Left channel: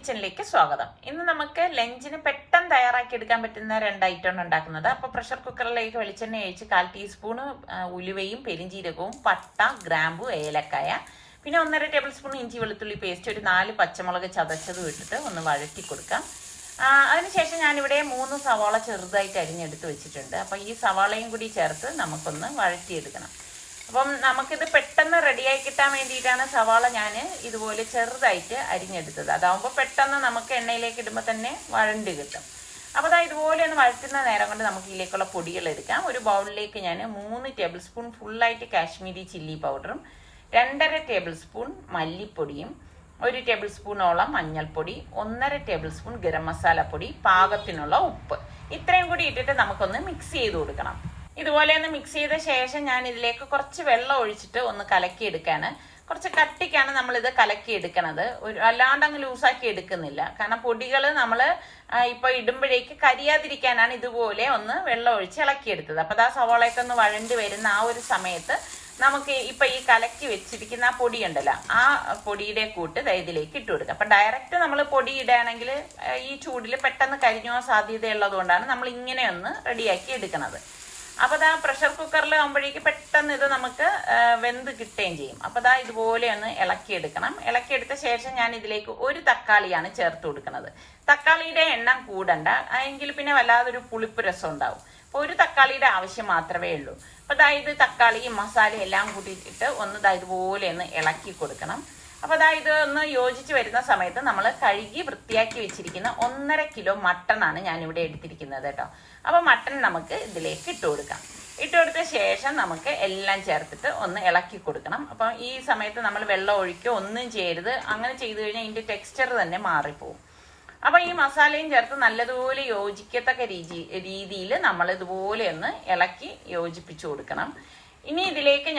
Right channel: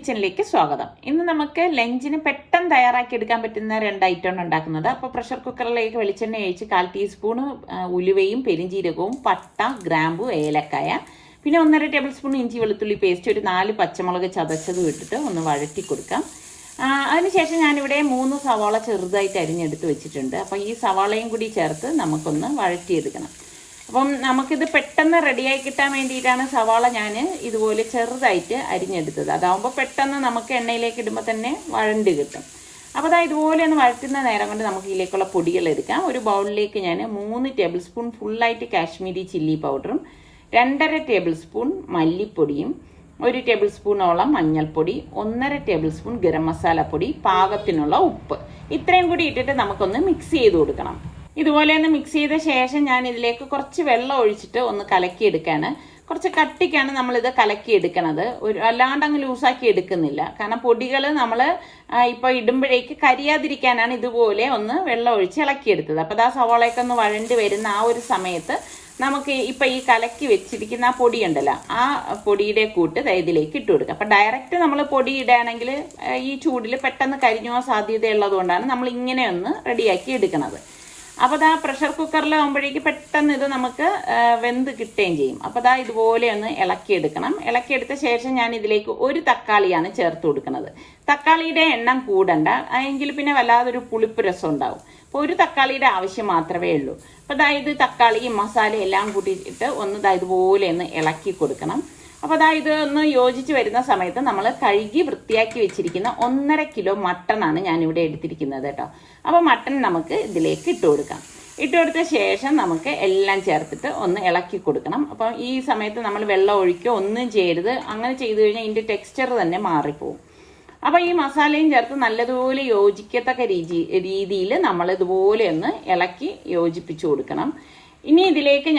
കിച്ചണിലേക്ക് സ്വാഗതം. ഇന്ന് നമുക്ക് ലഞ്ചിന് പെട്ടെന്ന് തയ്യാറാക്കി എടുക്കാൻ പറ്റുന്ന 2 ഐറ്റമാണ് ഉണ്ടാക്കുന്നത്. അപ്പോൾ പ്രഷർ കുക്കറിലേക്ക് വെളിച്ചെണ്ണ ഒഴിച്ച് 1/4 ടീസ്പൂൺ ഉലുവയും പെരിഞ്ജീരകവും പട്ട ഗ്രാമ്പു ഏലക്കായ പിന്നെ 1.5 ടേബിൾ സ്പൂൺ ഇഞ്ചി വെളുത്തുള്ളി പേസ്റ്റ് ഒരു 4 പച്ചമുളക് ചതച്ചതും ഇട്ടിട്ട് ഒന്ന് വഴറ്റി കൊടുക്കാം. അതിനുശേഷം ഞാനിവിടെ 3 സവാള ചെറുതായിട്ട് അരിഞ്ഞെടുത്ത് വെച്ചിട്ടുണ്ട്. അപ്പോൾ ഈ സവാളയും കൂടി ചേർത്ത് നമുക്കൊന്ന് വഴറ്റിയെടുക്കണം. അപ്പം നമുക്കിത് പെട്ടെന്ന് റെഡിയായി കിട്ടാൻ വേണ്ടിയിട്ടാണ് സവാള ഞാൻ ഇതുപോലെ ചെറുതായിട്ട് അരിഞ്ഞെടുത്തത്. അതാവുമ്പോൾ പെട്ടെന്ന് നമുക്ക് എണ്ണയിലേക്ക് ഇടുമ്പോൾ തന്നെ വഴണ്ട് കിട്ടും. അപ്പോൾ അതാ ഇതുപോലെ ഒന്ന് വഴറ്റുന്ന നേരം കൊണ്ട് നമുക്ക് ഇതിലേക്കുള്ള പൊടികൾ എടുക്കാം. ഒരു ബൗളിലേക്ക് ഞാൻ 3 ടേബിൾ സ്പൂൺ ഫുള്ളായിട്ട് കാശ്മീരി ചില്ലി പൗഡറും 2.5 ടേബിൾ സ്പൂൺ മല്ലിപ്പൊടിയും 1 ടേബിൾ സ്പൂണോളം മഞ്ഞൾപ്പൊടി 1.5 ടേബിൾ സ്പൂൺ ഗരം മസാല പൊടി പാകത്തിനുള്ള ഉപ്പ് ഇത്രയും കൂടി ഇട്ടിട്ട് നമുക്കൊന്ന് മിക്സ് ചെയ്ത് കൊടുക്കണം. ഇതുപോലെ ഒന്ന് മിക്സ് ചെയ്ത ശേഷം ഞാൻ ഇതിലേക്ക് കുറച്ച് വെള്ളം ഒഴിച്ചിട്ട് ഒന്ന് കലക്കി എടുക്കാണ്. കുറച്ച് കട്ടിക്കാണ് നമ്മളിത് കലക്കി എടുക്കണത്. അല്ലാണ്ട് അങ്ങ് ലൂസാക്കി എടുക്കുന്നില്ല. കാരണം പൊടികൾ നമ്മൾ ഇപ്പൊ ഇടുമ്പോഴേക്ക് കരിയാതിരിക്കാനാണ് ഇതുപോലെ ഒന്ന് വെള്ളം ഒഴിച്ച് ഇളക്കിയെടുത്തത്. അപ്പൊ ആ സവാളയൊക്കെ ഒന്ന് വഴണ്ടി വരുന്ന ആ ഒരു സമയത്ത് നമുക്ക് ഇപ്പൊ ഈ കലക്കി വെച്ചിരിക്കുന്ന ആ പൊടി ഉണ്ടല്ലോ, ആ പൊടിയുടെ കൂട്ട് ഇതിലേക്ക് ഇട്ട് കൊടുക്കുക. അപ്പൊ ഡയറക്റ്റ് നമ്മൾ പൊടി ഇടുകയാണെങ്കിൽ ഈ ചൂടിൽ പെട്ടെന്ന് കരിഞ്ഞു പോകാൻ സാധ്യതയുള്ളത് കൊണ്ടാണ് നമ്മൾ ഇങ്ങനെ ഒന്ന് റെഡിയാക്കി എടുക്കുന്നത്. അപ്പൊ ദാ പ്രഷർ കുക്കറിലാകുമ്പോഴേക്ക് പെട്ടെന്ന് ഇത് നമുക്ക് വെന്ത് കിട്ടുകയും ചെയ്യും. അപ്പൊ ദാ ഇതുപോലെ ഒന്ന് ഇളക്കിയെടുക്കണം. ഇളക്കിയെടുത്ത ശേഷം ഞാൻ ഇതിലേക്ക് 1 തക്കാളിയാണ് ചേർത്ത് കൊടുക്കുന്നത്. തക്കാളിയുടെ എണ്ണം കൂടണ്ട, എങ്കിൽ പിന്നെ വല്ലാതൊരു പുളിപ്പ് രസം ഉണ്ടാവും. അപ്പൊ 1 തക്കാളിയുടെ ആവശ്യം മാത്രമേ ഉള്ളൂ. അപ്പൊ ദാ ഇത് തക്കാളിയും മസാലയും എല്ലാം കൂട്ടിയിട്ട് ഒന്ന് ദാ ഇതുപോലെ ഒന്ന് ഇളക്കി കൊടുക്കണം. അപ്പൊ ദാ ഇത് ഒന്ന് യോജിച്ച് വരുന്ന സമയത്ത് നമ്മൾ കഴുകി വൃത്തിയാക്കി വെച്ചിരിക്കുന്ന 1.5 കിലോ മട്ടൺ ആണ് ഞാൻ ഇവിടെ എടുത്തിരിക്കുന്നത് കേട്ടോ. അപ്പൊ മട്ടൺ നമുക്ക് ഇതിലേക്ക് ഇട്ട് കൊടുക്കാം. ഇട്ട് കൊടുത്ത ശേഷം നമുക്ക് എല്ലാം ചേർത്തിട്ട് ഒന്ന് ഇളക്കി കൊടുക്കണം. അപ്പൊ ഈ സമയത്ത് നമ്മൾ വെള്ളം ഒഴിക്കോ ഒന്നും ചെയ്യരുത്. അങ്ങനെ ചെയ്തു കഴിഞ്ഞാൽ ഇതിന്റെ ടെക്സ്ചർ തന്നെ മാറിപ്പോവും. അപ്പൊ ഈ മസാലയും ചേർത്ത് നല്ലതുപോലെ യോജിക്കത്തക്ക രീതിയിൽ നമ്മൾ ഇതുപോലെ ഒന്ന് ഇളക്കി യോജിപ്പിച്ചു കൊടുക്കണം. ഇനി ഇതിലേക്ക്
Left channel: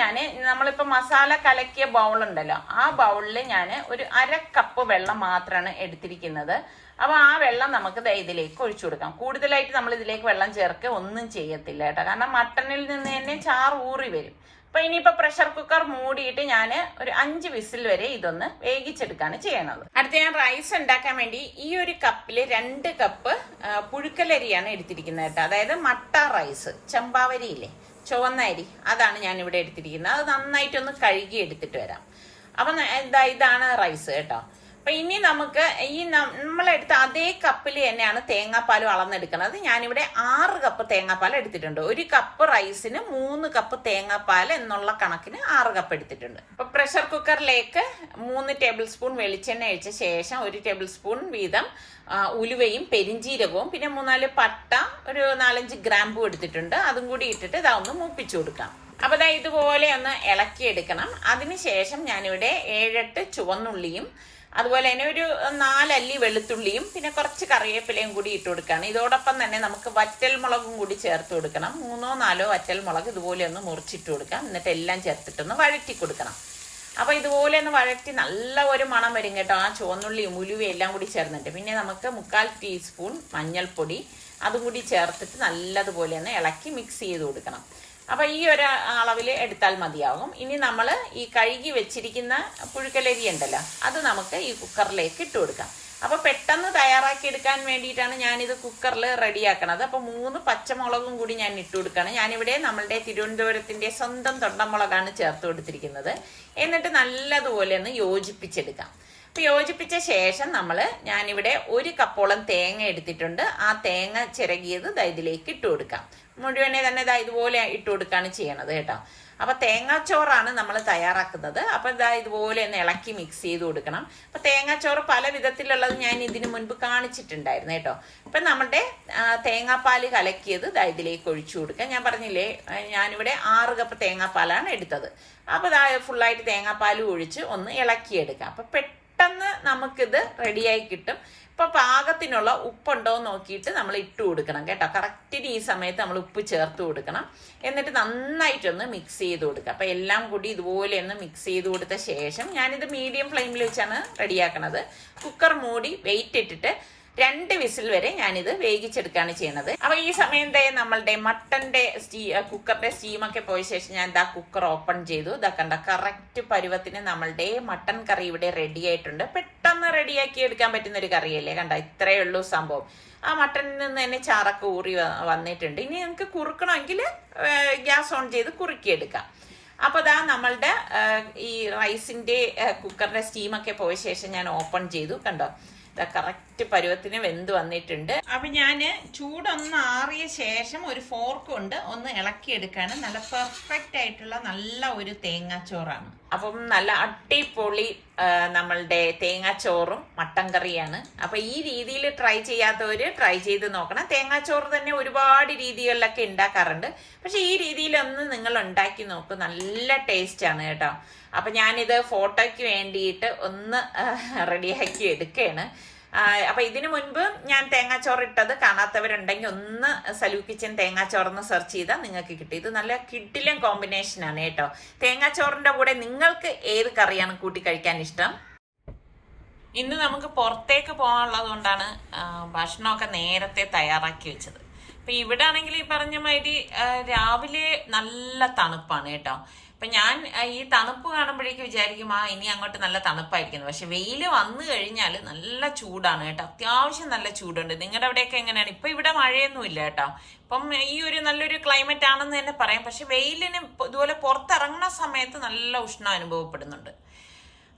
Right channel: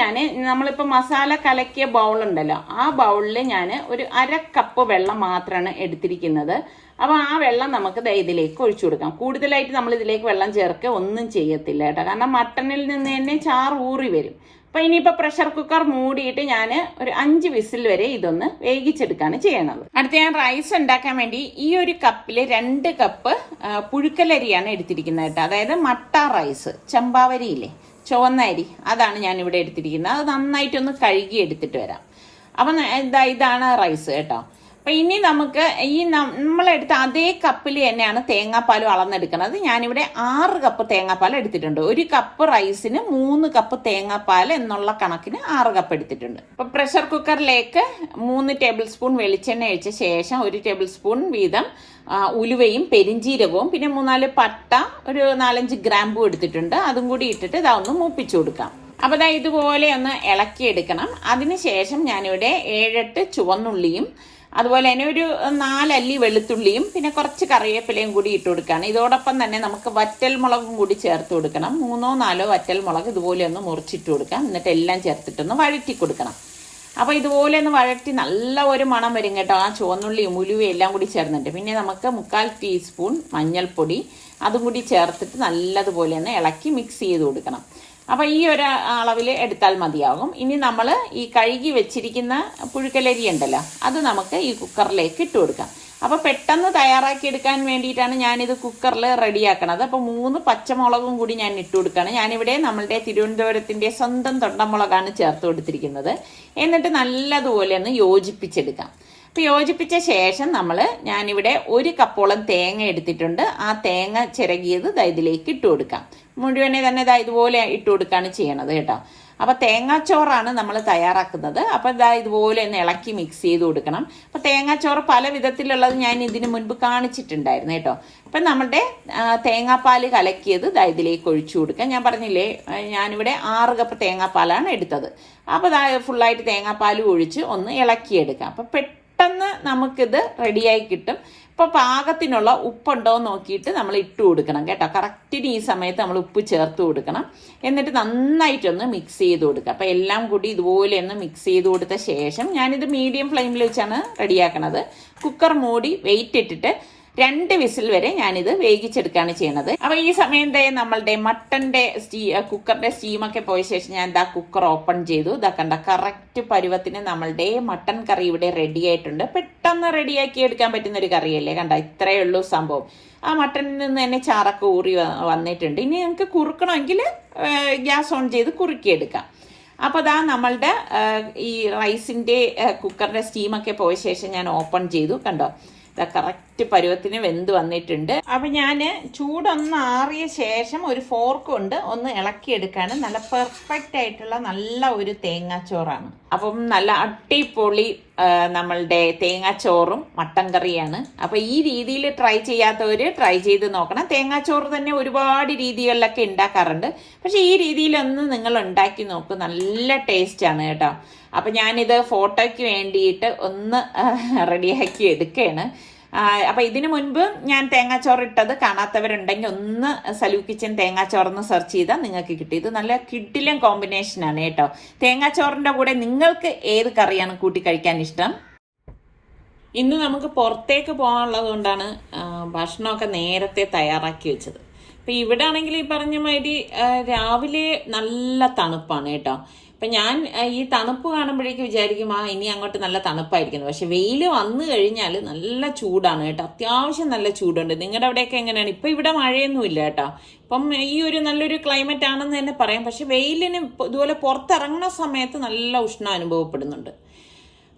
നമ്മളിപ്പോ മസാല കലക്കിയ ബൗൾ ഉണ്ടല്ലോ, ആ ബൗളിൽ ഞാൻ ഒരു 1/2 കപ്പ് വെള്ളം മാത്രമാണ് എടുത്തിരിക്കുന്നത്. അപ്പൊ ആ വെള്ളം നമുക്ക് ഇതിലേക്ക് ഒഴിച്ചു കൊടുക്കാം. കൂടുതലായിട്ട് നമ്മൾ ഇതിലേക്ക് വെള്ളം ചേർക്കുക ഒന്നും ചെയ്യത്തില്ല കേട്ടോ, കാരണം മട്ടണിൽ നിന്ന് തന്നെ ചാറ് ഊറി വരും. അപ്പൊ ഇനിയിപ്പോ പ്രഷർ കുക്കർ മൂടിയിട്ട് ഞാൻ ഒരു 5 വിസിൽ വരെ ഇതൊന്ന് വേവിച്ചെടുക്കാണ് ചെയ്യണത്. അടുത്ത ഞാൻ റൈസ് ഉണ്ടാക്കാൻ വേണ്ടി ഈ ഒരു കപ്പില് 2 കപ്പ് പുഴുക്കലരിയാണ് എടുത്തിരിക്കുന്നത് കേട്ടോ. അതായത് മട്ട റൈസ്, ചമ്പാവരിയില്ലേ, ചുവന്ന അരി, അതാണ് ഞാൻ ഇവിടെ എടുത്തിരിക്കുന്നത്. അത് നന്നായിട്ടൊന്ന് കഴുകി എടുത്തിട്ട് വരാം. അപ്പൊ ഇതാണ് റൈസ് കേട്ടോ. അപ്പൊ ഇനി നമുക്ക് ഈ നമ്മളെടുത്ത അതേ കപ്പിൽ തന്നെയാണ് തേങ്ങാപ്പാലും അളന്നെടുക്കുന്നത്. ഞാനിവിടെ 6 കപ്പ് തേങ്ങാപ്പാൽ എടുത്തിട്ടുണ്ട്. 1 കപ്പ് റൈസിന് 3 കപ്പ് തേങ്ങാപ്പാൽ എന്നുള്ള കണക്കിന് 6 കപ്പ് എടുത്തിട്ടുണ്ട്. അപ്പൊ പ്രഷർ കുക്കറിലേക്ക് 3 ടേബിൾ സ്പൂൺ വെളിച്ചെണ്ണ ഒഴിച്ച ശേഷം 1 ടേബിൾ സ്പൂൺ വീതം ഉലുവയും പെരിഞ്ജീരകവും പിന്നെ 3-4 പട്ട ഒരു 4-5 ഗ്രാമ്പും എടുത്തിട്ടുണ്ട്. അതും കൂടി ഇട്ടിട്ട് ഇതൊന്ന് മൂപ്പിച്ചു കൊടുക്കാം. അപ്പൊ ദാ ഇതുപോലെ ഒന്ന് ഇളക്കിയെടുക്കണം. അതിനുശേഷം ഞാനിവിടെ 7-8 ചുവന്നുള്ളിയും അതുപോലെ തന്നെ ഒരു 4 അല്ലി വെളുത്തുള്ളിയും പിന്നെ കുറച്ച് കറിവേപ്പിലയും കൂടി ഇട്ട് കൊടുക്കുകയാണ്. ഇതോടൊപ്പം തന്നെ നമുക്ക് വറ്റൽ മുളകും കൂടി ചേർത്ത് കൊടുക്കണം. 3-4 വറ്റൽ മുളക് ഇതുപോലെ ഒന്ന് മുറിച്ചിട്ട് കൊടുക്കാം. എന്നിട്ട് എല്ലാം ചേർത്തിട്ടൊന്ന് വഴറ്റി കൊടുക്കണം. അപ്പൊ ഇതുപോലെ ഒന്ന് വഴറ്റി നല്ല ഒരു മണം വരും കേട്ടോ, ആ ചുവന്നുള്ളിയും ഉലുവയും എല്ലാം കൂടി ചേർന്നിട്ട്. പിന്നെ നമുക്ക് 1/4 ടീസ്പൂൺ മഞ്ഞൾപ്പൊടി അതും കൂടി ചേർത്തിട്ട് നല്ലതുപോലെ ഒന്ന് ഇളക്കി മിക്സ് ചെയ്ത് കൊടുക്കണം. അപ്പൊ ഈ ഒരു അളവിൽ എടുത്താൽ മതിയാകും. ഇനി നമ്മൾ ഈ കഴുകി വെച്ചിരിക്കുന്ന പുഴുക്കലരി ഉണ്ടല്ലോ, അത് നമുക്ക് ഈ കുക്കറിലേക്ക് ഇട്ട് കൊടുക്കാം. അപ്പൊ പെട്ടെന്ന് തയ്യാറാക്കി എടുക്കാൻ വേണ്ടിയിട്ടാണ് ഞാനിത് കുക്കറിൽ റെഡിയാക്കണത്. അപ്പൊ 3 പച്ചമുളകും കൂടി ഞാൻ ഇട്ട് കൊടുക്കുകയാണ്. ഞാനിവിടെ നമ്മളുടെ തിരുവനന്തപുരത്തിന്റെ സ്വന്തം തൊണ്ടമുളകാണ് ചേർത്ത് കൊടുത്തിരിക്കുന്നത്. എന്നിട്ട് നല്ലതുപോലെ ഒന്ന് യോജിപ്പിച്ചെടുക്കാം. അപ്പൊ യോജിപ്പിച്ച ശേഷം ഞാനിവിടെ 1 കപ്പോളം തേങ്ങ എടുത്തിട്ടുണ്ട്. ആ തേങ്ങ ചിരകിയത് ഇതിലേക്ക് ഇട്ട് കൊടുക്കാം. മുഴുവനെ തന്നെ ഇതുപോലെ ഇട്ട് കൊടുക്കുകയാണ് ചെയ്യണത് കേട്ടോ. അപ്പൊ തേങ്ങാച്ചോറാണ് നമ്മൾ തയ്യാറാക്കുന്നത്. അപ്പൊ ഇതുപോലെ ഒന്ന് ഇളക്കി മിക്സ് ചെയ്ത് കൊടുക്കണം. അപ്പൊ തേങ്ങാച്ചോറ് പല വിധത്തിലുള്ളത് ഞാൻ ഇതിനു മുൻപ് കാണിച്ചിട്ടുണ്ടായിരുന്നു കേട്ടോ. അപ്പൊ നമ്മുടെ തേങ്ങാപ്പാല് കലക്കിയത് ഇതിലേക്ക് ഒഴിച്ചു കൊടുക്കാം. ഞാൻ പറഞ്ഞില്ലേ, ഞാനിവിടെ 6 കപ്പ് തേങ്ങാപ്പാലാണ് എടുത്തത്. അപ്പൊ ഫുള്ളായിട്ട് തേങ്ങാപ്പാല് ഒഴിച്ച് ഒന്ന് ഇളക്കിയെടുക്കാം. അപ്പൊ പെട്ടെന്ന് നമുക്കിത് റെഡിയായി കിട്ടും. ഇപ്പൊ പാകത്തിനുള്ള ഉപ്പുണ്ടോ നോക്കിയിട്ട് നമ്മൾ ഇട്ട് കൊടുക്കണം കേട്ടോ. കറക്റ്റിന് ഈ സമയത്ത് നമ്മൾ ഉപ്പ് ചേർത്ത് കൊടുക്കണം. എന്നിട്ട് നന്നായിട്ടൊന്ന് മിക്സ് ചെയ്ത് കൊടുക്കുക. അപ്പൊ എല്ലാം കൂടി ഇതുപോലെ ഒന്ന് മിക്സ് ചെയ്ത് കൊടുത്ത ശേഷം ഞാനിത് മീഡിയം ഫ്ലെയിമിൽ വെച്ചാണ് റെഡിയാക്കണത്. കുക്കർ മൂടി വെയിറ്റ് ഇട്ടിട്ട് 2 വിസിൽ വരെ ഞാനിത് വേവിച്ചെടുക്കുകയാണ് ചെയ്യുന്നത്. അപ്പൊ ഈ സമയം നമ്മളുടെ മട്ടന്റെ കുക്കറിന്റെ സ്റ്റീമൊക്കെ പോയ ശേഷം ഞാൻ ഇതാ കുക്കർ ഓപ്പൺ ചെയ്തു. ഇതാ കണ്ട കറക്റ്റ് പരുവത്തിന് നമ്മളുടെ മട്ടൻ കറി ഇവിടെ റെഡി ആയിട്ടുണ്ട്. പെട്ടെന്ന് റെഡിയാക്കി എടുക്കാൻ പറ്റുന്ന ഒരു കറിയല്ലേ. കണ്ട ഇത്രയേ ഉള്ളൂ സംഭവം. ആ മട്ടനിൽ നിന്ന് തന്നെ ചാറൊക്കെ ഊറി വന്നിട്ടുണ്ട്. ഇനി ഞങ്ങൾക്ക് കുറുക്കണമെങ്കിൽ ഗ്യാസ് ഓൺ ചെയ്ത് കുറുക്കിയെടുക്കാം. അപ്പൊ അതാ നമ്മളുടെ ഈ റൈസിന്റെ കുക്കറിന്റെ സ്റ്റീമൊക്കെ പോയ ശേഷം ഞാൻ ഓപ്പൺ ചെയ്തു. കണ്ടോ കറക്റ്റ് പരുവത്തിന് വെന്ത് വന്നിട്ടുണ്ട്. അപ്പൊ ഞാന് ചൂടൊന്ന് ആറിയ ശേഷം ഒരു ഫോർക്ക് കൊണ്ട് ഒന്ന് ഇളക്കിയെടുക്കാണ്. നല്ല പെർഫെക്റ്റ് ആയിട്ടുള്ള നല്ല ഒരു തേങ്ങാച്ചോറാണ്. അപ്പം നല്ല അടിപൊളി നമ്മളുടെ തേങ്ങാച്ചോറും മട്ടൻ കറിയാണ്. അപ്പൊ ഈ രീതിയിൽ ട്രൈ ചെയ്യാത്തവര് ട്രൈ ചെയ്ത് നോക്കണം. തേങ്ങാച്ചോറ് തന്നെ ഒരുപാട് രീതികളിലൊക്കെ ഉണ്ടാക്കാറുണ്ട്. പക്ഷെ ഈ രീതിയിലൊന്ന് നിങ്ങൾ ഉണ്ടാക്കി നോക്കൂ, നല്ല ടേസ്റ്റ് ആണ് കേട്ടോ. അപ്പൊ ഞാനിത് ഫോട്ടോയ്ക്ക് വേണ്ടിയിട്ട് ഒന്ന് റെഡിയാക്കി എടുക്കുകയാണ്. അപ്പൊ ഇതിനു മുൻപ് ഞാൻ തേങ്ങാച്ചോറ് ഇട്ടത് കാണാത്തവരുണ്ടെങ്കിൽ ഒന്ന് സലു കിച്ചൻ തേങ്ങാച്ചോറെന്ന് സെർച്ച് ചെയ്താൽ നിങ്ങൾക്ക് കിട്ടും. ഇത് നല്ല കിഡിലും കോമ്പിനേഷൻ ആണ് കേട്ടോ. തേങ്ങാച്ചോറിന്റെ കൂടെ നിങ്ങൾക്ക് ഏത് കറിയാണ് കൂട്ടി കഴിക്കാൻ ഇഷ്ടം? ഇന്ന് നമുക്ക് പുറത്തേക്ക് പോകാനുള്ളത് കൊണ്ടാണ് ഭക്ഷണമൊക്കെ നേരത്തെ തയ്യാറാക്കി വെച്ചത്. അപ്പൊ ഇവിടെ ആണെങ്കിൽ ഈ പറഞ്ഞ മാതിരി രാവിലെ നല്ല തണുപ്പാണ് കേട്ടോ. അപ്പൊ ഞാൻ ഈ തണുപ്പ് കാണുമ്പോഴേക്ക് വിചാരിക്കും ഇനി അങ്ങോട്ട് നല്ല തണുപ്പായിരിക്കുന്നു. പക്ഷെ വെയിൽ വന്നു കഴിഞ്ഞാൽ നല്ല ചൂടാണ് കേട്ടോ. അത്യാവശ്യം നല്ല ചൂടുണ്ട്. നിങ്ങളുടെ അവിടെയൊക്കെ എങ്ങനെയാണ്? ഇപ്പൊ ഇവിടെ മഴയൊന്നും ഇല്ല കേട്ടോ. ഇപ്പം ഈ ഒരു നല്ലൊരു ക്ലൈമറ്റ് ആണെന്ന് തന്നെ പറയാം. പക്ഷെ വെയിലിന് ഇതുപോലെ പുറത്തിറങ്ങുന്ന സമയത്ത് നല്ല ഉഷ്ണം അനുഭവപ്പെടുന്നുണ്ട്.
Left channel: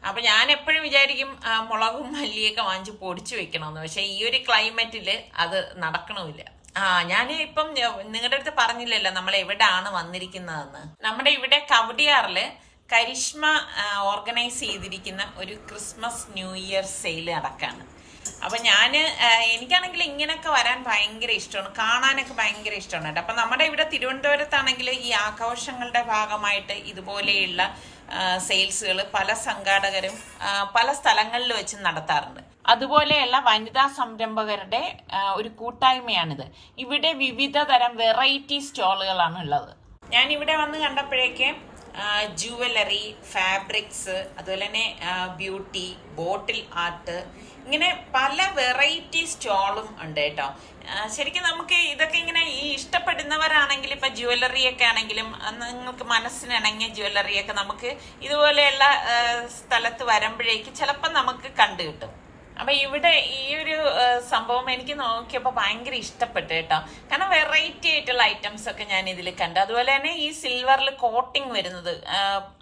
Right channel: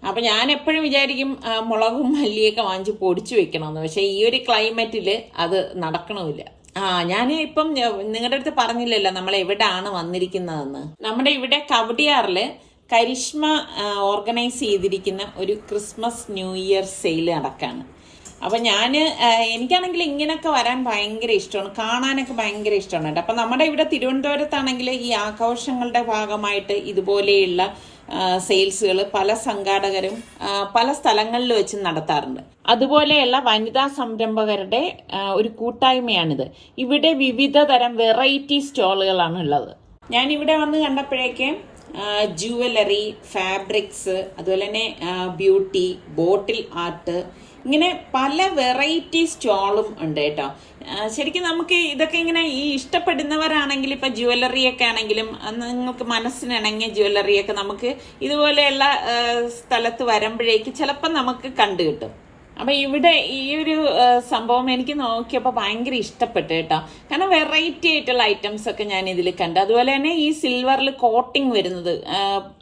അപ്പൊ ഞാൻ എപ്പോഴും വിചാരിക്കും മുളകും മല്ലിയൊക്കെ വാങ്ങിച്ച് പൊടിച്ചു വെക്കണമെന്ന്. പക്ഷെ ഈ ഒരു ക്ലൈമറ്റില് അത് നടക്കണമില്ല. ഞാൻ ഇപ്പം നിങ്ങളുടെ അടുത്ത് പറഞ്ഞില്ലല്ലോ നമ്മൾ എവിടെയാണ് വന്നിരിക്കുന്നതെന്ന്. നമ്മുടെ ഇവിടെ കവടിയാറില് കരിഷ്മ ഓർഗനൈസ് ചെയ്തിരിക്കുന്ന ഒരു ക്രിസ്മസ് ന്യൂ ഇയർ സെയിൽ നടക്കാണ്. അപ്പൊ എനിക്കാണെങ്കിൽ ഇങ്ങനെയൊക്കെ വരാൻ ഭയങ്കര ഇഷ്ടമാണ്, കാണാനൊക്കെ ഭയങ്കര ഇഷ്ടമാണ് കേട്ടോ. അപ്പൊ നമ്മുടെ ഇവിടെ തിരുവനന്തപുരത്താണെങ്കിൽ ഈ ആഘോഷങ്ങളുടെ ഭാഗമായിട്ട് ഇതുപോലെയുള്ള സെയിൽസുകൾ പല സംഘാടകരും പല സ്ഥലങ്ങളിൽ വെച്ച് നടത്താറുണ്ട്. അതുപോലെയുള്ള വനിതാ സംരംഭകരുടെ ഒരു കൂട്ടായ്മയാണിത്. ഇവിടെ വിവിധ തരം വെറൈറ്റി സ്റ്റോളുകളാണ് ഉള്ളത്. ഞാൻ ഇവിടെ വന്ന് കണ്ടപ്പോഴേക്ക് ജുവലറി, ഫാബ്രിക്സ്, അതുപോലെ തന്നെ ബ്യൂട്ടി, ബോട്ടിൽ ആർട്ട്, ഇങ്ങനെ പല വെറൈറ്റി സ്റ്റോളും ഉണ്ട് കേട്ടോ. ശരിക്കും നമുക്ക് ഇതൊക്കെ ഇങ്ങനെ ഈ ഇഷ്ടപ്പെടുന്നവരാണെങ്കിൽ ഇപ്പൊ ജ്വല്ലറി ഒക്കെ ആണെങ്കിലും നിങ്ങൾക്ക് മനസ്സിനിണങ്ങിയ ജ്വല്ലറി ഒക്കെ നമുക്ക് ഇതുപോലെയുള്ള സ്ഥലത്ത് വരുമ്പോഴേക്ക് ചിലപ്പോൾ നമുക്ക് കണ്ടു കിട്ടും. അപ്പൊ ഇവിടെ ഈ ഒരു സംഭവം എനിക്ക് നോക്കിയപ്പോ ഭയങ്കര ഇഷ്ടപ്പെട്ടു കേട്ടോ. കാരണം വെറൈറ്റി ആയിട്ടുള്ള ഐറ്റംസ് ഒക്കെ ഞാൻ ഇതിൽ കണ്ടു. അതുപോലെ തന്നെ ഈ സിൽവറിൽ കോട്ടിങ് വരുന്നത്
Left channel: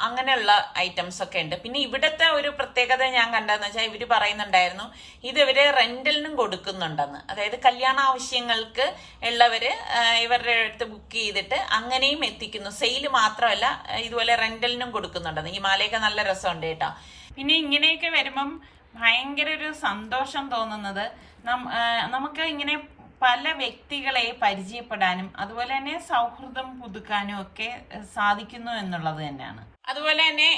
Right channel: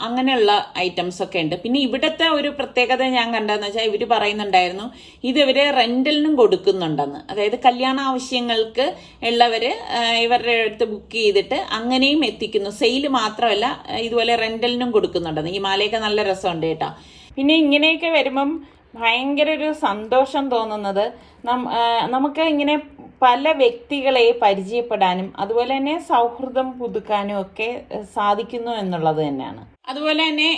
അങ്ങനെയുള്ള ഐറ്റംസ് ഒക്കെ ഉണ്ട്. പിന്നെ ഇവിടുത്തെ ഒരു പ്രത്യേകത ഞാൻ കണ്ടതെന്ന് വെച്ചാൽ ഇവര് പറയുന്നുണ്ടായിരുന്നു ഇത് ഇവര് റെന്റലിനും കൊടുക്കുന്നുണ്ടെന്ന്. അതായത് കല്യാണ ആവശ്യങ്ങൾക്ക് ഉള്ളവര് ഇവരുടെ അടുത്ത് ബുക്ക് ചെയ്തിട്ട് അങ്ങനെയും എത്തിക്കുന്നു. സെയിൽ മാത്രമല്ല ഇതുപോലെ റെന്റലിനും കൊടുക്കുന്നുണ്ടെന്ന്. ഈ മാലയൊക്കെ നല്ല രസമുണ്ട് കേട്ടോ. പിന്നെ ഇങ്ങനെയൊക്കെ വരുമ്പം ഭയങ്കര ഒരു സന്തോഷം തോന്നുന്നത് നമുക്ക് ഇങ്ങനെ പല വ്യക്തികളെ പരിചയപ്പെടാനും അതുപോലെ തന്നെ സൗഹൃദം പുതുക്കാനും ഒക്കെ സാധിക്കുന്നു എന്നുള്ളത് തന്നെയാണ്. അതുപോലെ തന്നെ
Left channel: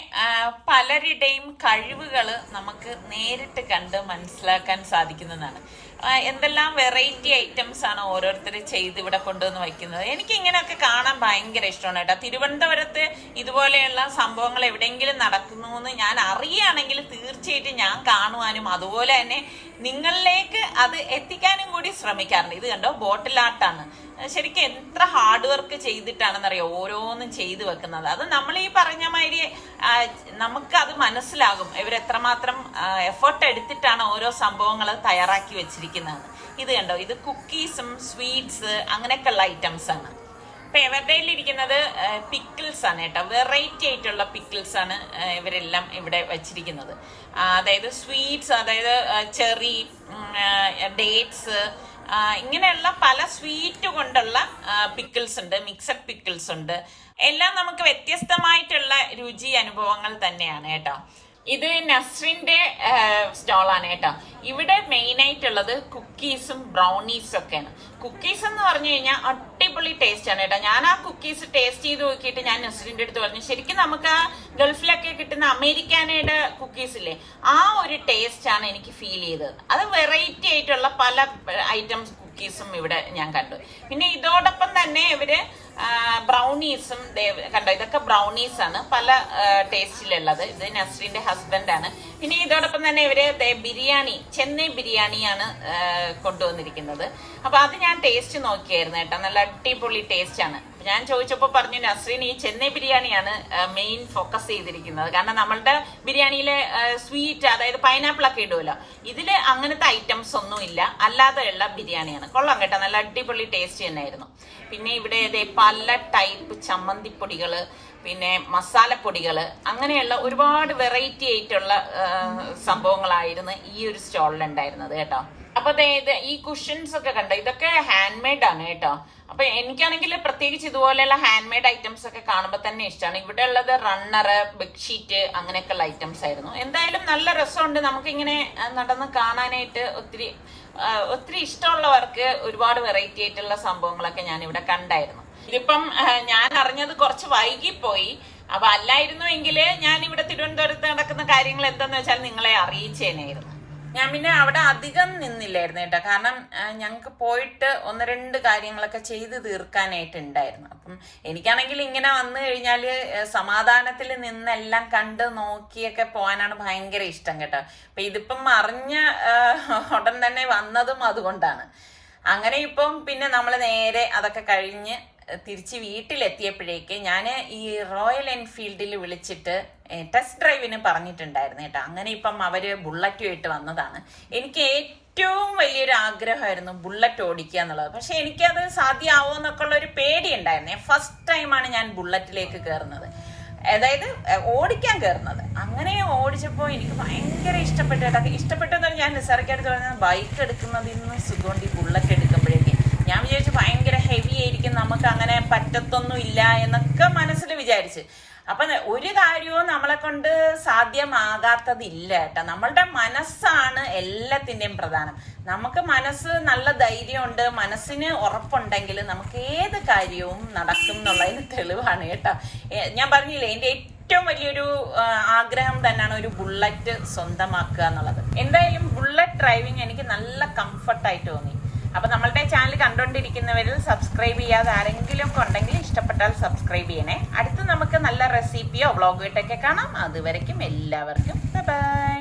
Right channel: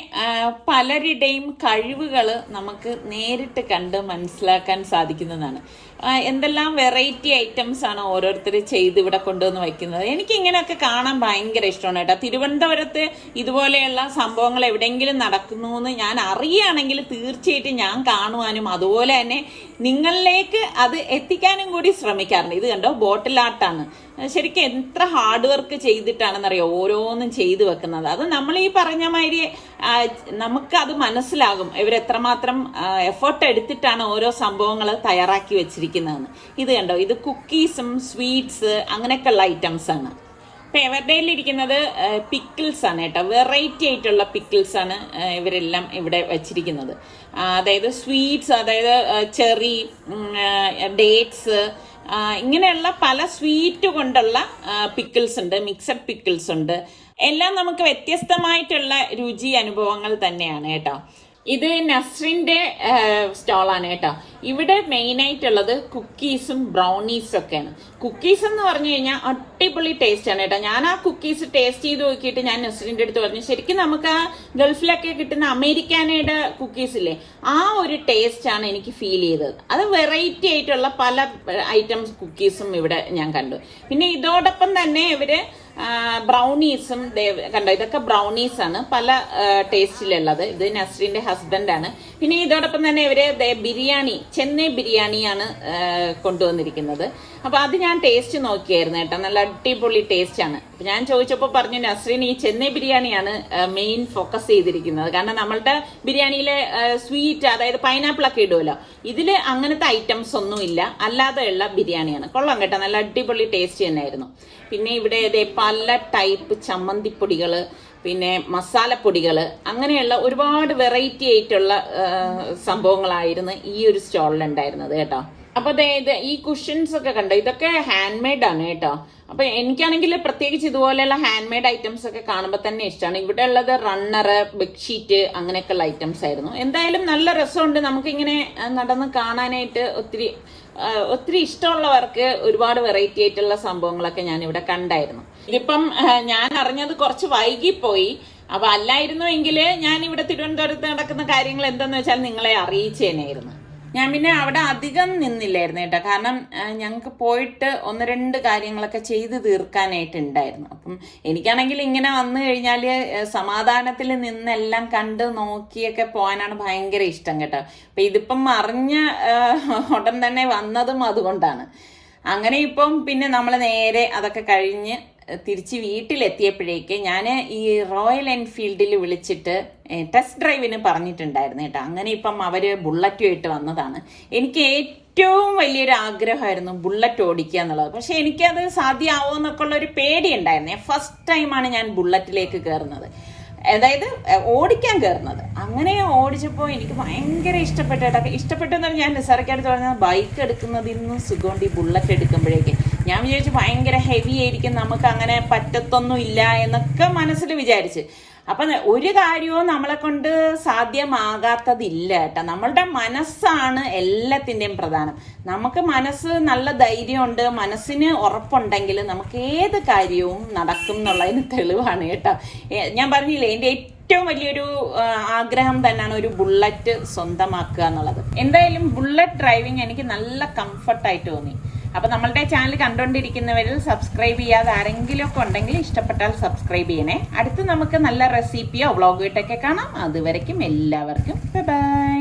പലരുടെയും കഴിവുകൾ നമുക്ക് നേരിട്ട് കണ്ട് മനസ്സിലാക്കാൻ സാധിക്കുന്നതാണ്. എന്തെല്ലാം വെറൈറ്റി ഐറ്റംസ് ആണ് ഓരോരുത്തർ ചെയ്ത് ഇവിടെ കൊണ്ടുവന്ന് വയ്ക്കുന്നത്. എനിക്ക് ഇങ്ങനെയൊക്കെ കാണാൻ ഭയങ്കര ഇഷ്ടമാണ് കേട്ടോ. തിരുവനന്തപുരത്ത് ഇതുപോലെയുള്ള സംഭവങ്ങൾ എവിടെയെങ്കിലും നടക്കുന്നു എന്ന് ഞാൻ അറിയുകയാണെങ്കിൽ തീർച്ചയായിട്ടും ഞാൻ കാണുവാനും അതുപോലെ തന്നെ നിങ്ങളിലേക്ക് അത് എത്തിക്കാനും കൂടി ശ്രമിക്കാറുണ്ട്. ഇത് കണ്ടോ, ബോട്ടിൽ ആർട്ടാണ്. ശരിക്കും എത്ര ഹാർഡ് വർക്ക് ചെയ്തിട്ടാണെന്നറിയോ ഓരോന്നും ചെയ്തു വെക്കുന്നത്. അത് നമ്മൾ ഈ പറഞ്ഞ മാതിരി നമുക്കത് മനസ്സിലാകും ഇവരെത്രമാത്രം എഫേർട്ട് എടുത്തിട്ടാണ് ഓരോ സംഭവങ്ങൾ തയ്യാറാക്കി വെച്ചിരിക്കുന്നതെന്ന്. ഇത് കണ്ടോ, ഇത് കുക്കീസും സ്വീറ്റ്സ് അങ്ങനെയൊക്കെയുള്ള ഐറ്റംസ് ആണ്. ഇപ്പൊ ഇവരുടെ ഇരിക്കുന്നത് പിക്കിൾസ് ആണ് കേട്ടോ. വെറൈറ്റി ആയിട്ടുള്ള പിക്കിൾസ് ആണ് ഇവരെല്ലാം ഇവിടെ വെച്ചിരിക്കുന്നത്. അതായത് സ്വീറ്റ്സ്, അതായത് ചെറി, ഡേറ്റ്സ്, ഇങ്ങനെയുള്ള പല സ്വീറ്റ് കൊണ്ടുള്ള പിക്കിൾസ് ഉണ്ട്, മിക്സഡ് പിക്കിൾസ് ഉണ്ട്. എല്ലാം നമുക്ക് വ്യത്യസ്തമായിട്ടുള്ള രുചി അനുഭവങ്ങൾ തന്നെയാണ് കേട്ടോ. ഇത് നസ്രിന്റെ സ്റ്റോളാണ് കേട്ടോ. ഇവിടെ മെയിൻ ആയിട്ടുള്ളത് കുക്കീസും ബ്രൗണീസും ഒക്കെയാണ്. കുക്കീസ് എന്ന് പറഞ്ഞു കഴിഞ്ഞാൽ അടിപൊളി ടേസ്റ്റ് ആണ് കേട്ടോ. ഞാൻ ആ കുക്കീസ് ടേസ്റ്റ് ചെയ്ത് നോക്കിയിട്ട് ഞാൻ നസ്രിന്റെ അടുത്ത് പറഞ്ഞു, ശരിക്കും നമുക്ക് ആ ഗൾഫിലൊക്കെ കിട്ടുന്ന അമേരിക്കാനയുടെ കുക്കീസ് ഇല്ലേ, ആ ഒരു ടേസ്റ്റ് ആണ് എനിക്ക് ഫീൽ ചെയ്തത്. അത് വെറൈറ്റി ആയിട്ടുള്ള പല ഐറ്റംസ് കുക്കീസും ഇവിടെ ഞാൻ കണ്ടു. പിന്നെ ഇതോടൊപ്പം തന്നെ ഇവര് ബ്രൗണീസും കണ്ടോ, ഇതൊക്കെ ബ്രൗണീസ് ആണ്, പല ടേസ്റ്റിലുള്ളത്. ഇത് നസ്രീന്റെ ഹസ്ബൻഡാണ്. പിന്നെ ഇതോടൊപ്പം തന്നെ ഇവര് ബിരിയാണി, ചെന്നൈ ബിരിയാണിയാണ് കൊണ്ടുവന്നിരിക്കുന്നത്. അപ്പൊ അത് ഞാൻ ടേസ്റ്റ് നോക്കിയായിരുന്നു കേട്ടോ, നല്ല അടിപൊളി ടേസ്റ്റ് ആണ്. ഞാൻ ചോദിച്ചപ്പോൾ പറഞ്ഞു നസ്രീൻ ഈ ചെന്നൈ ബിരിയാണിയാണ് മെയിൻ ഫോക്കസ് ചെയ്തിരിക്കുന്നത്. കാരണം നമ്മളുടെ ബിരിയാണിയിലെ സ്വീറ്റ്, അതായത് പൈനാപ്പിൾ ഒക്കെ ഇടുമല്ലോ, ഇതില് അങ്ങനത്തെ ഐറ്റംസ് ഒന്നും ഇല്ല, അല്ലാതെയുള്ള ബിരിയാണിയാണ്. കൊള്ളാം കേട്ടോ, നല്ല അടിപൊളി ടേസ്റ്റ് തന്നെയായിരുന്നു. പിന്നെ ഇവിടെ പല ടൈപ്പ് ചമ്മന്തിപ്പൊടികള്, പിന്നെ മസാലപ്പൊടികള്, അങ്ങനെയുള്ള ഒരുപാട് വെറൈറ്റി ആയിട്ടുള്ള സംഭവങ്ങളായിരുന്നു ഈ ഒരു സ്റ്റോളിൽ ഉണ്ടായിരുന്നത് കേട്ടോ. അപ്പൊ അതായത് ഈ കുഷൻസ് ഒക്കെ കണ്ടോ, ഇതൊക്കെ ഹാൻഡ് മെയ്ഡ് ആണ് കേട്ടോ. അപ്പൊ എനിക്കാണെങ്കിൽ പ്രത്യേകിച്ച് ഇതുപോലെയുള്ള ഹാൻഡ് മെയ്ഡ് ഐറ്റംസ് ഒക്കെ കാണുമ്പോൾ തന്നെ ഇഷ്ടമാണ്. ഇവിടെ ഉള്ളത് റണ്ണറ്, ബെഡ്ഷീറ്റ്, അങ്ങനെയൊക്കെയുള്ള ഐറ്റംസ് ആയിരുന്നു. എന്തായാലും നല്ല രസമുണ്ട് നമുക്കിങ്ങനെ നടന്ന് കാണാനായിട്ട്. ഒത്തിരി ഇഷ്ടമുള്ളവർക്ക് ഒരുപാട് വെറൈറ്റി ആയിട്ടുള്ള സംഭവങ്ങളൊക്കെ ഞാൻ ഇവിടെ കണ്ടായിരുന്നു. ഇതിപ്പം ഞാൻ അറിഞ്ഞത് കുറച്ച് വൈകിപ്പോയി. അപ്പൊ അല്ലായിരുന്നു എങ്കില് ഞാൻ ഇവിടെ തിരുവനന്തപുരത്ത് നടക്കുന്ന കാര്യങ്ങൾ എന്താന്ന് വെച്ചാൽ നിങ്ങളെ അറിയിച്ചേനായിരുന്നു. ഞാൻ പിന്നെ അവിടെ അധികം നിന്നില്ലായിരുന്നു കേട്ടോ, കാരണം ഞങ്ങൾക്ക് പോയിട്ട് 1-2 കാര്യങ്ങളൊക്കെ ചെയ്ത് തീർക്കാനായിട്ടുണ്ടായിരുന്നു. അപ്പം എനിക്കാണെങ്കിൽ ഇങ്ങനെ വന്നു കഴിഞ്ഞാൽ സമാധാനത്തിൽ നിന്നെല്ലാം കണ്ട് നോക്കിയൊക്കെ പോകാനാണ് ഭയങ്കര ഇഷ്ടം കേട്ടോ. അപ്പൊ ഇതിപ്പം അറിഞ്ഞ ഉടൻ തന്നെ വന്നതും അതുകൊണ്ടാണ്. അങ്ങനെ ഇപ്പം പിന്നെ നമ്മൾ നേരെ അതൊക്കെ കഴിഞ്ഞ് തിരിച്ച് വീട്ടിലെത്തിയപ്പോഴേക്ക് ഞാൻ ഈ റോയൽ എൻഫീൽഡിൽ വിളിച്ചിട്ട് ടെസ്റ്റ് ഡ്രൈവിന് പറഞ്ഞിട്ടുണ്ടായിരുന്നു കേട്ടോ. അങ്ങനെ ഇപ്പം അവര് ബുള്ളറ്റുമായിട്ട് വന്നതാണ്. എനിക്ക് ഏറ്റവും വലിയൊരു ആഗ്രഹമായിരുന്നു ബുള്ളറ്റ് ഓടിക്കുക എന്നുള്ളത്. പക്ഷെ എനിക്കത് സാധ്യമാവോ എന്നൊക്കെ ഉള്ള ഒരു പേടി ഉണ്ടായിരുന്നേ. ഫസ്റ്റ് ടൈമാണ് ഞാൻ ബുള്ളറ്റിലേക്ക് കയറുന്നത്, അതായത് ഓടിക്കാൻ കയറുന്നത്. അങ്ങനെ ഓടിച്ചപ്പോൾ എനിക്ക് ഭയങ്കര ഇഷ്ടപ്പെട്ടു കേട്ടോ. ഇഷ്ടപ്പെട്ടെന്ന് ഞാൻ നിസ്സാരക്കായിട്ട് പറഞ്ഞത് ബൈക്ക് എടുക്കുന്നതിൽ നിന്നും സുഖമുണ്ട് ഈ ബുള്ളറ്റ് എടുക്കുമ്പോഴേക്ക്. ഞാൻ വിചാരിച്ചു ഭയങ്കര ഹെവി ആയിരിക്കും, നമുക്ക് അങ്ങനെ പറ്റത്തൊന്നും ഇല്ല എന്നൊക്കെ മനസ്സിൽ വിചാരിച്ച്. അപ്പൊ ഒരു കാര്യവും നമ്മളെ കൊണ്ട് സാധ്യമാകാത്തതില്ല കേട്ടോ. നമ്മളുടെ മനസ്സാണ് എല്ലാത്തിന്റെയും പ്രധാനം. നമുക്ക് മനസ്സ് നല്ല ധൈര്യമുണ്ട്, മനസ്സിന് ഉറപ്പുണ്ടെങ്കിൽ നമുക്ക് ഏത് കാര്യവും നടക്കും എന്നുള്ളതിന് തെളിവാണ് കേട്ടോ. ഞാൻ പറഞ്ഞില്ലേ, എന്റെ ഏറ്റവും വലിയൊരു ആഗ്രഹം തന്നെയാണ് ഒരു ബുള്ളറ്റ് സ്വന്തമാക്കുക എന്നുള്ളത്. എന്തായാലും ബുള്ളറ്റ് ഡ്രൈവിംഗ് എനിക്ക് നല്ല കംഫർട്ടായിട്ട് തോന്നി. അപ്പൊ നമ്മളുടെ ചാനൽ കണ്ടുകൊണ്ടിരിക്കുന്നവരിൽ സബ്സ്ക്രൈബ് ചെയ്യാതെ ആരെങ്കിലും ഒക്കെ ഉണ്ടെങ്കിൽ ഇഷ്ടപ്പെട്ടാൽ സബ്സ്ക്രൈബ് ചെയ്യണേ. അടുത്ത് നമുക്ക് നല്ല റെസിപ്പിയോ വ്ളോഗോ ഇട്ടൊക്കെ കാണാം. അതുവരയ്ക്കും എല്ലാവർക്കും ബൈ.